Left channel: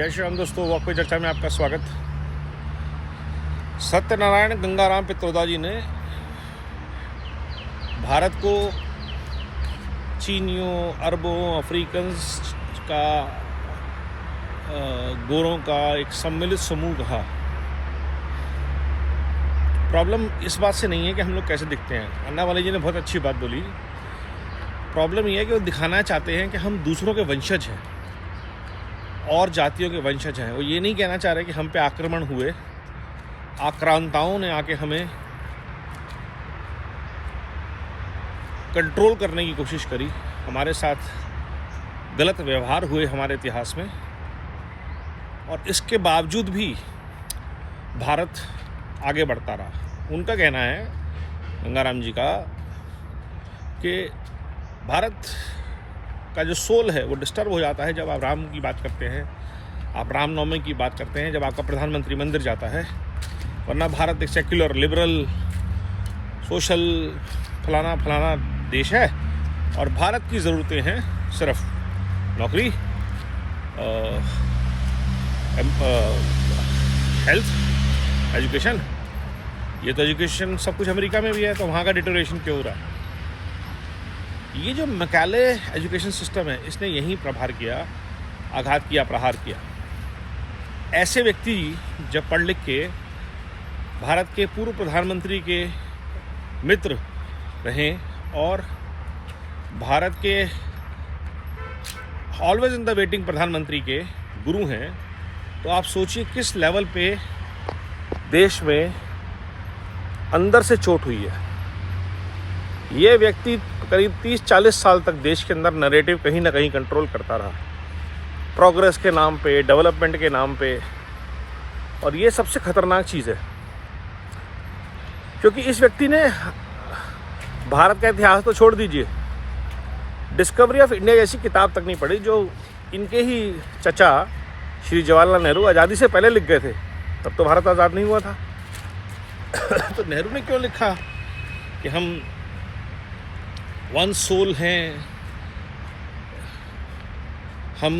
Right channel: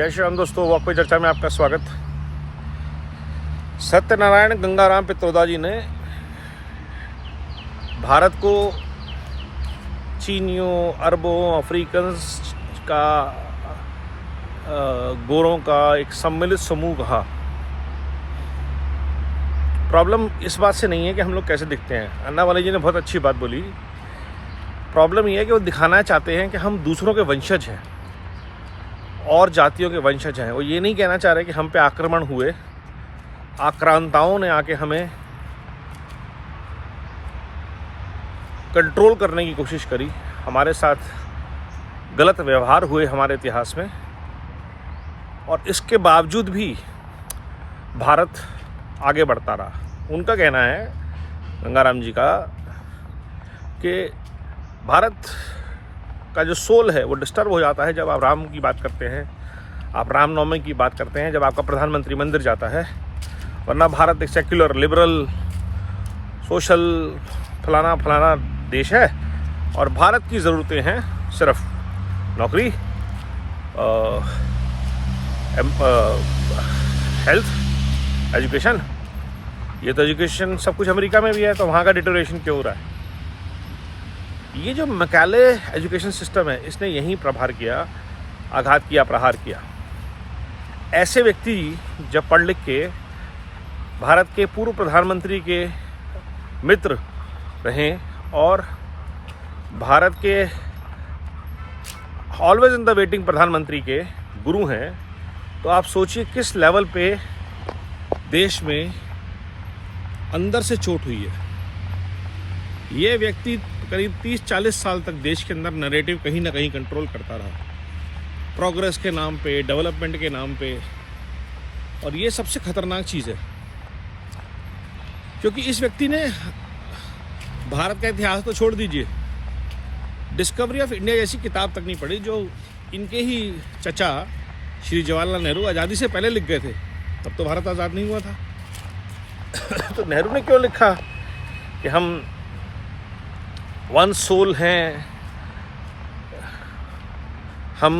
जय श्री राम दोस्तों, वॉक पे चर्चा में आपका स्वागत। सत्यनारायण गंगाराम पित्रोदा जी ने भारत को चीनियों, अरबों, अफ्रीकन्स का गोरों का एक सम्मिलित समूह कहा। प्रॉब्लम इस बात से नहीं है कि हम लोग कैसे दिखते हैं। अन्ना वाले जी ने बहुत अच्छी बात बोली। प्रॉब्लम यह है कि वो दिखाना चाहते हैं कि हम दूसरों के वंशज हैं और जातियों के वंशज हैं। वो ये नहीं कहना चाह रहे कि हम पे आक्रमण हुए, आक्रांताओं ने आके हमें कंट्रोल करने की कोशिश करी, हमारे साथ गलत व्यवहार हुए हमारे इतिहास में, और इसके बावजूद भी भारत आगे बढ़ता रहा। उनका कहना है, गंगाराम जी का, कि भारत का जो सोल है वो डिस्टर्ब हो जाता है जब आप राम की बात करते हैं, आप रामनवमी की बात करते हैं, जब आपका प्रधानमंत्री मंदिर जाता है। वरना भारत एक सेक्युलर, लिबरल, सोशल फलाना फलाना देश है और भारत की ज़रूरतें हैं सिर्फ नौकरी, हेल्थ, एजुकेशन। ये तो एजुकेशन सब कुछ अमेरिका में भी है, तो वहाँ का डिटोरेशन क्यों हो रहा है? ये जो मैकाले एजुकेशन सिस्टम है, इसने यहीं प्रहार किया, आघात किया, प्रहार किया। ऐसे व्यक्ति जब पढ़ लिख के भारत के पूर्व प्रधानमंत्री के मित्र रहें और भारत के ऑलवेज इन द वेटिंग प्रधानमंत्री के गुरु हैं, तो आप सोचिए किस लेवल पे देश में अंदर से चोट हुई है। ये व्यक्ति करीब 30-40 साल तक देश के अंदर नैरेटिव कहीं ना कहीं कंट्रोल करता रहा, प्रोग्रेस के नाम पे, डेवलपमेंट के नाम पे। और ये सबसे खतरनाक चीज़ है, क्योंकि इस व्यक्ति ने भारत का इतिहास तो छोड़ दीजिए, डिस्कवरी ऑफ इंडिया जैसी किताब तक नहीं पढ़ी, जो इनके ही चचा श्री जवाहरलाल नेहरू आज़ादी से पहले लिख गए थे। तब तो भारत आज़ाद नहीं हुआ था। तो नेहरू ने क्यों लिखा कि हम वन सोल हैं, हम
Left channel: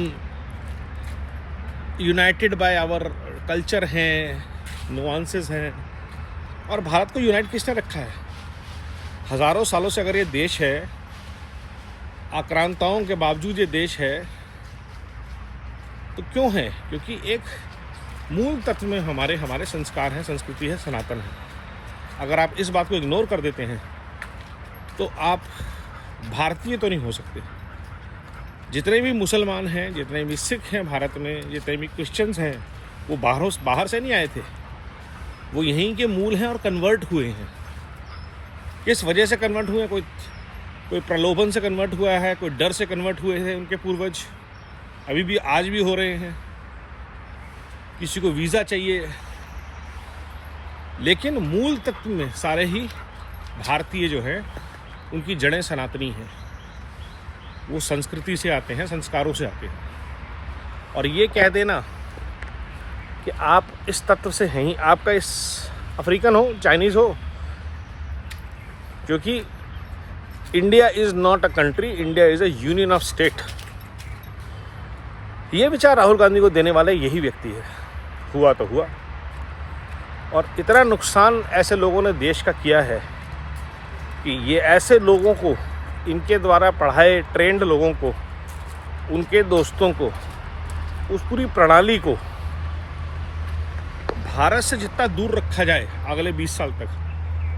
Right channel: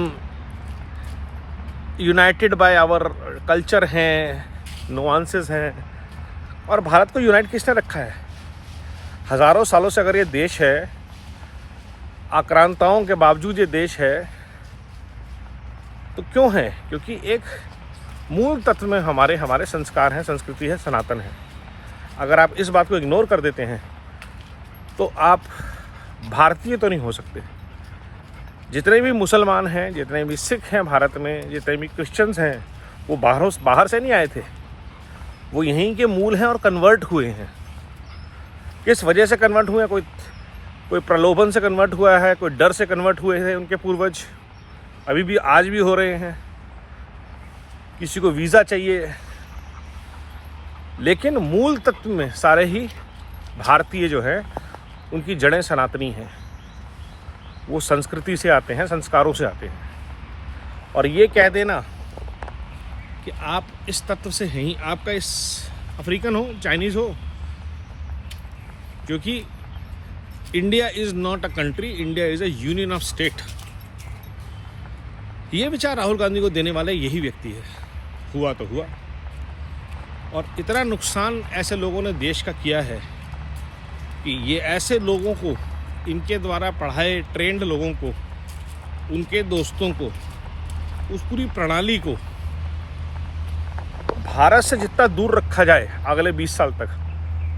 यूनाइटेड बाय आवर कल्चर हैं, नुआंसेस हैं। और भारत को यूनाइट किसने रखा है? हज़ारों सालों से अगर ये देश है, आक्रांताओं के बावजूद ये देश है, तो क्यों है? क्योंकि एक मूल तत्व में हमारे संस्कार हैं, संस्कृति है, सनातन है। अगर आप इस बात को इग्नोर कर देते हैं तो आप भारतीय तो नहीं हो सकते। जितने भी मुसलमान हैं, जितने भी सिख हैं भारत में, जितने भी क्रिश्चियंस हैं, वो बाहर से नहीं आए थे, वो यहीं के मूल हैं और कन्वर्ट हुए हैं। किस वजह से कन्वर्ट हुए? कोई प्रलोभन से कन्वर्ट हुआ है, कोई डर से कन्वर्ट हुए हैं उनके पूर्वज, अभी भी आज भी हो रहे हैं। किसी को वीज़ा चाहिए, लेकिन मूल तत्व में सारे ही भारतीय जो हैं, उनकी जड़ें सनातनी हैं। वो संस्कृति से आते हैं, संस्कारों से आते हैं। और ये कह देना कि आप इस तत्व से हैं ही, आपका इस अफ्रीकन हो, चाइनीज़ हो, क्योंकि India is not a country, India is a union of state. ये विचार राहुल गांधी को देने वाले यही व्यक्ति है। हुआ तो हुआ, और इतना नुकसान ऐसे लोगों ने देश का किया है कि ये ऐसे लोगों को, इनके द्वारा पढ़ाए ट्रेंड लोगों को, उनके दोस्तों को, उस पूरी प्रणाली को भारत से जितना दूर रखा जाए अगले 20 साल तक,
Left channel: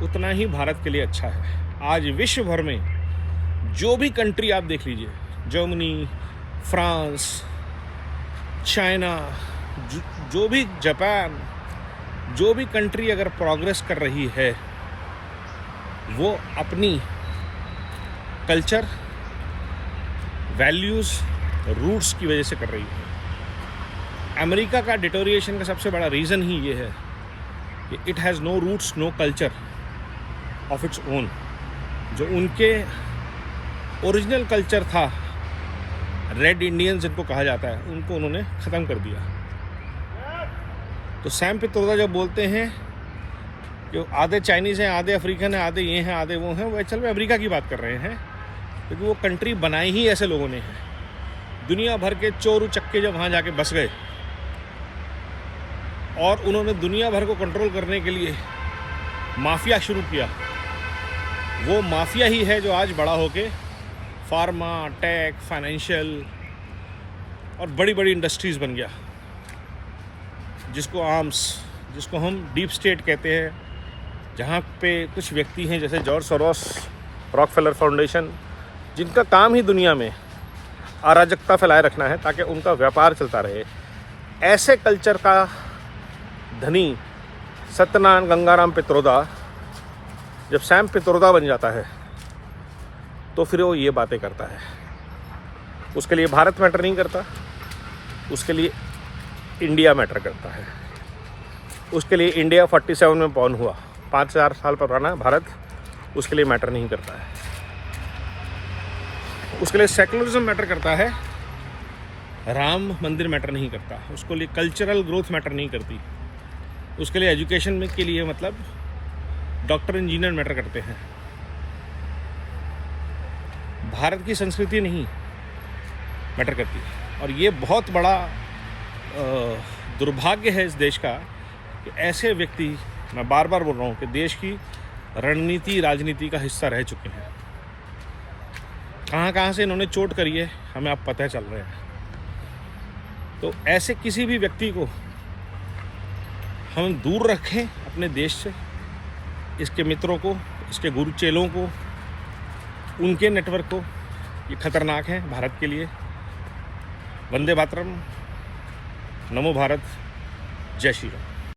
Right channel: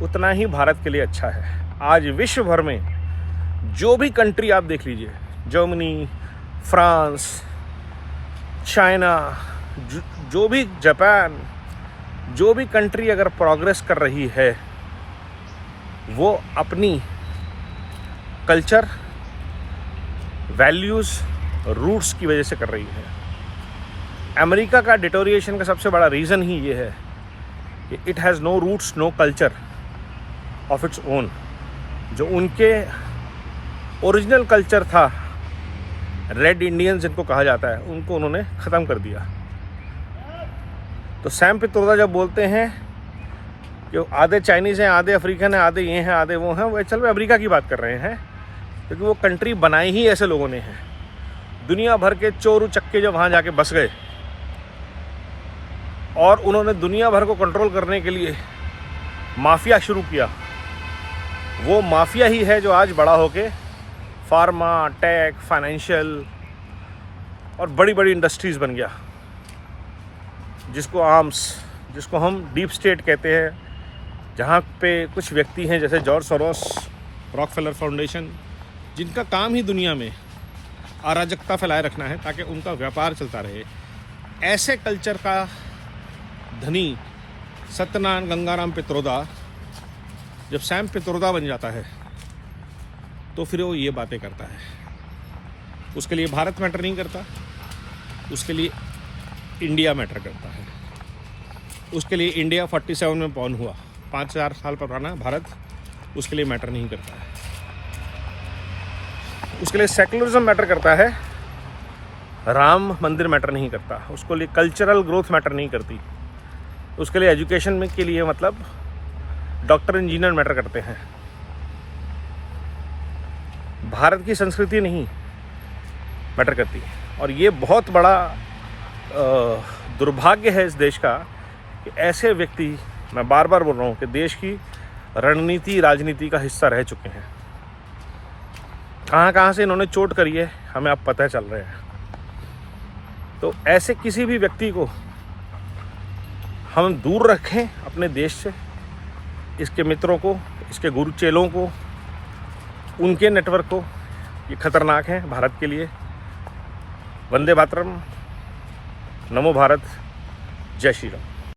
उतना ही भारत के लिए अच्छा है। आज विश्व भर में जो भी कंट्री आप देख लीजिए, जर्मनी, फ्रांस, चाइना, जो भी जापान, जो भी कंट्री अगर प्रोग्रेस कर रही है, वो अपनी कल्चर, वैल्यूज़, रूट्स की वजह से कर रही है। अमेरिका का डिटोरिएशन का सबसे बड़ा रीज़न ही ये है कि it has no roots, no culture of its own. जो उनके ओरिजिनल कल्चर था, रेड इंडियंस जिनको कहा जाता है, उनको उन्होंने ख़त्म कर दिया। तो सैम पित्रोदा जब बोलते हैं जो आधे चाइनीज़ हैं, आधे अफ्रीकन हैं, आधे ये हैं, आधे वो हैं, वो एक्चुअल में अमेरिका की बात कर रहे हैं, क्योंकि वो कंट्री बनाई ही ऐसे लोगों ने है। दुनिया भर के चोर उचक्के जो वहाँ जाके बस गए, और उन्होंने दुनिया भर को कंट्रोल करने के लिए माफिया शुरू किया। वो माफिया ही है जो आज बड़ा होके फार्मा, टेक, फाइनेंशियल और बड़ी बड़ी इंडस्ट्रीज बन गया, जिसको हम डीप स्टेट कहते हैं, जहाँ पे कुछ व्यक्ति हैं जैसे जॉर्ज सोरोस, रॉकफेलर फाउंडेशन, जिनका काम ही दुनिया में अराजकता फैलाए रखना है ताकि उनका व्यापार चलता रहे। ऐसे कल्चर का धनी सत्यनारायण गंगाराम पित्रोदा जब सैम पित्रोदा बन जाता है तो फिर वो ये बातें करता है। उसके लिए भारत मैटर नहीं करता, उसके लिए इंडिया मैटर करता है। उसके लिए इंडिया 47 में बॉर्न हुआ, 5000 साल पुराना भारत उसके लिए मैटर नहीं करता है। उसके लिए सेकुलरिज्म मैटर करता है, राम मंदिर मैटर नहीं करता। उसके लिए कल्चरल ग्रोथ मैटर नहीं करती। उसके लिए एजुकेशन में के लिए मतलब डॉक्टर, इंजीनियर मैटर करते हैं। भारत की संस्कृति नहीं मैटर करती। और ये बहुत बड़ा दुर्भाग्य है इस देश का कि ऐसे व्यक्ति, मैं बार बार बोल रहा हूँ, कि देश की रणनीति, राजनीति का हिस्सा रह चुके हैं। कहाँ कहाँ से इन्होंने चोट करी है हमें अब पता चल रहा है। तो ऐसे किसी भी व्यक्ति को हम दूर रखें अपने देश से, इसके मित्रों को, इसके गुरु चेलों को, उनके नेटवर्क को। ये खतरनाक है भारत के लिए। वंदे मातरम, नमो भारत, जय श्री राम।